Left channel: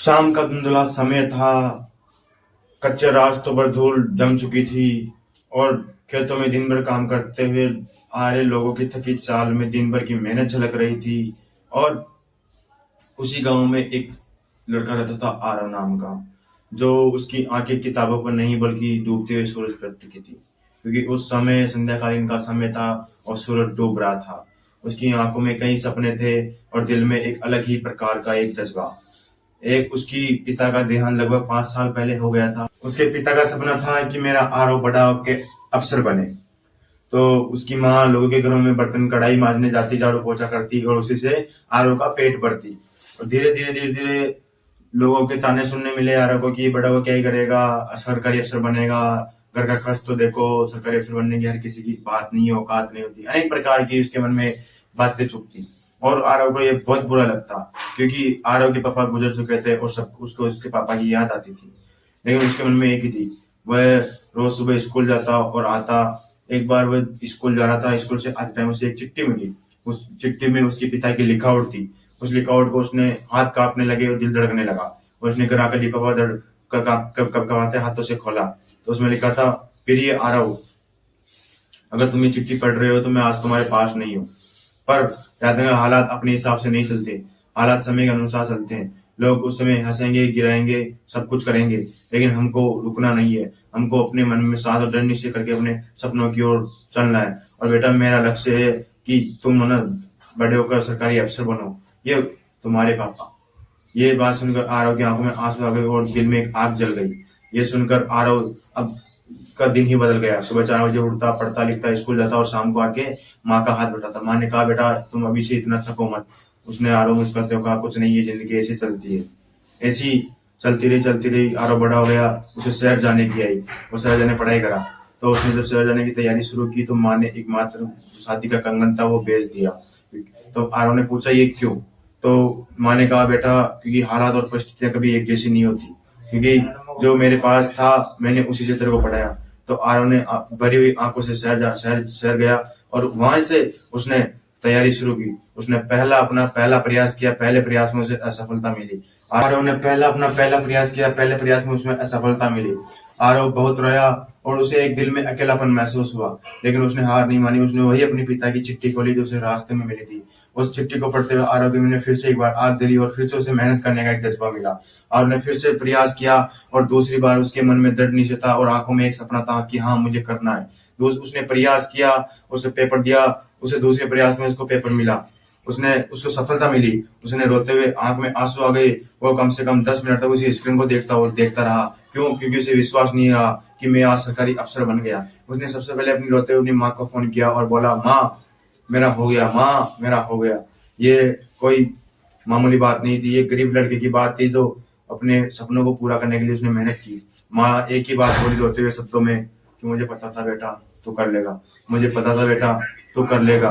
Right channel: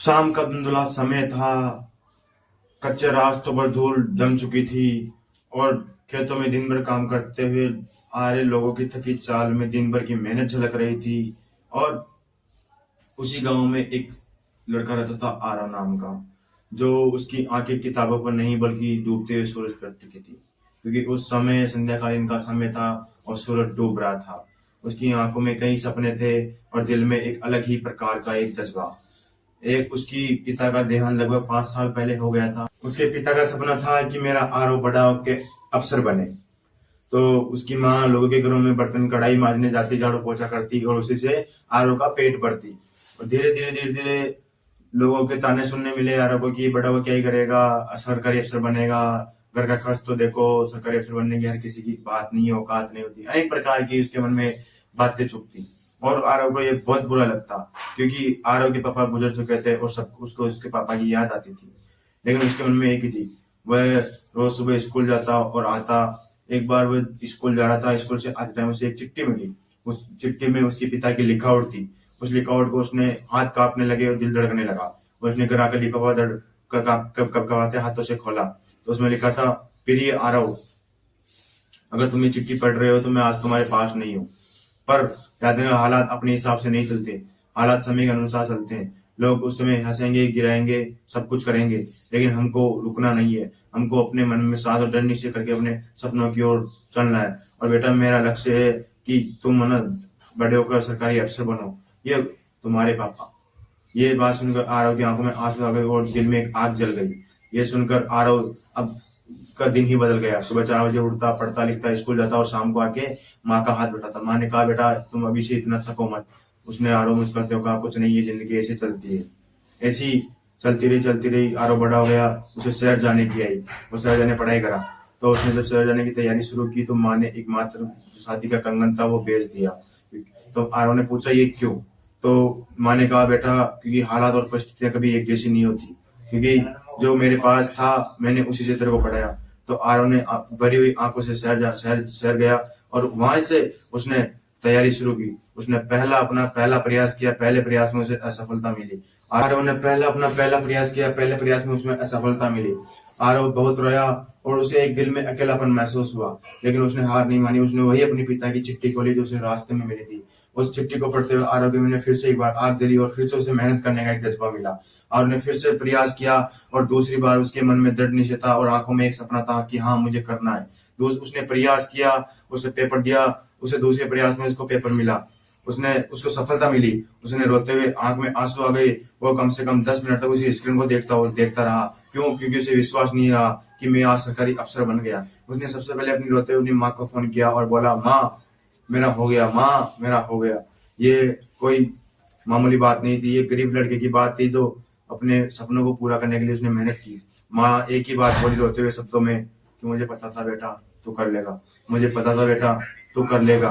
शाम का धुंधला समय था। कच्चे रास्तों पर धूल जम चुकी थी और खेतों में दिन भर काम करते हुए आ रहे लोगों की थकी चाल में दिन भर की मेहनत झलक रही थी। और उसी गांव में एक लड़का रहता था, आरव नाम का, जो उसकी आंखें किताबों पर नहीं बल्कि डूबते हुए सूरज पर टिकी थी, क्योंकि उस समय संध्याकालीन का समय था और सूरज डूब रहा था। उसकी आंखों में कई सपने थे और दिल में एक अलग ही प्रकार का एक जज्बा। एक उसकी पिता का देहांत लगभग 5 साल पहले हो गया था। उसके पिता का सपना था कि मेरा आरव बड़ा होके अफसर बने। तो उसकी माँ लोगों के घरों में बर्तन कढ़ाई मांजने जाती, झाड़ू पोछा करती और उसी से आरव का पेट भरती। और धीरे धीरे लोगों के ताने सुनने मिले आरव को कि बड़ा हो क्या ही करेगा, सरकारी अफसर बनेगा। घर का खर्च तो देखो, सरकारी अफसर बनने की हर किसी की बात नहीं, औकात नहीं होती। अनेक प्रकार की उसके मन में बातें चुभती और आरव को ये बहुत बुरा लगता, क्योंकि आरव के पापा गुजर चुके थे और सब उसको उसके पापा की याद आती थी। लेकिन उसके मन में एक ही थी, वह रोज सुबह स्कूल जाता और आता। एक बार वह स्कूल जा रहा था, स्कूल से आते टाइम उसे एक चिट्ठी मिली। उस चिट्ठी में उसके पिता की लिखावट थी। उस लिखावट को उसने हाथ कांपने लगे और दिल धड़कने लगा। और उसने घर आकर लिफाफा धड़ कब कब कब हाथों से खोला तो उसमें लिखा था, प्रिय आरव, अगर तुम ये चिट्ठी पढ़ रहे हो तो मैं आज तुम्हारे पास नहीं हूँ। पर याद रखना, हालात अपने हिसाब से नहीं चलते, हालात समय के अनुसार चलते हैं। लोग उस समय हंसेंगे, गिराएंगे, सब कुछ करेंगे, लेकिन हमको रुकना नहीं है। हमको अपने मन में साथ और दृढ़ निश्चय करके अपने सपनों की ओर चलना है। और बेटा, मेरा लक्ष्य है कि तुम ना बड़े होकर सरकारी अफसर बनो। ये तुम्हारे पापा। ये बात सुनकर आरव की आंखों में आंसू आ गए और दिल में एक आग जल गई। ये सुनकर आरव अब का दिन ही बदल गया। सुबह 4 बजे उठता, पढ़ता लिखता, स्कूल जाता और शाम को आके माँ का हाथ बटाता। माँ ने कहा, बेटा तुम अभी से इतना थको मत। उसने आरव मुस्कुराते हुए कहा, कुछ नहीं, ये जिंदगी ऐसी चलती है। ऐसी चलती रही। आरव बड़ा हो गया, उसे शहर जाने की आई। वो शहर जाने पढ़ाई करा। तो उसने जब शहर जाने की तैयारी शुरू की तो माँ ने एकमात्र जो शादी का कंगन था वो बेच दिया। तो आरव ने पूछा, ये क्यों? तो माँ ने कहा, बेटा क्योंकि हालात और परिस्थितियां कभी एक जैसी नहीं होती, क्योंकि जो मेरे पास था मैंने उसी से तेरे को पढ़ाया। तो आरव ने भरी हुई आंखों से शहर गया और वहां से उसने तैयारी शुरू की। उसने अपना पहला प्रयास किया, पहले प्रयास में उसे असफलता मिली। आरव ने पहला प्रयास किया, पहले प्रयास में उसमें असफलता मिली। आरव बहुत रोया और उसे एक दिल में अकेलापन महसूस हुआ, लेकिन उसने हार नहीं मानी। उसने वही अपने पिता की चिट्ठी खोली जो उसे रास्ते में मिली थी। उस चिट्ठी को पढ़ते हुए आरव के मन में फिर से एक बार आग जली और फिर से उसे मेहनत करने का एक जज्बा मिला। और उसने फिर से प्रयास किया और दूसरी बार उसके मन में दृढ़ निश्चय था और आंखों में एक सपना था कि हाँ, मुझे करना है। उसने प्रयास किया, उसे पेपर दिया। उसे दूसरे प्रयास में उसको पेपर मिला। उसने उसको सफलता मिली। उसने रोते हुए आंख में आंसू आ गए। वो कम से कम 10 मिनट तक उसी स्क्रीन को देखता रहा। क्यों? क्योंकि उसे विश्वास नहीं रहा कि मैं आज सरकारी अफसर बन गया। उसने सबसे पहले अपनी रोते हुए अपनी माँ को फोन किया और बोला, माँ मेरा हो गया, माँ मेरा हो गया। ये कोई मामूली बात नहीं थी, ये गरीब लड़के की बात थी जो अपने सपनों को पूरा करने के लिए उसने मेहनत की। माँ एक ही बात बोली रोते हुए शब्दों में कि मुझे पता था बेटा तू कर लेगा, मुझे पता था बेटा तू कर लेगा।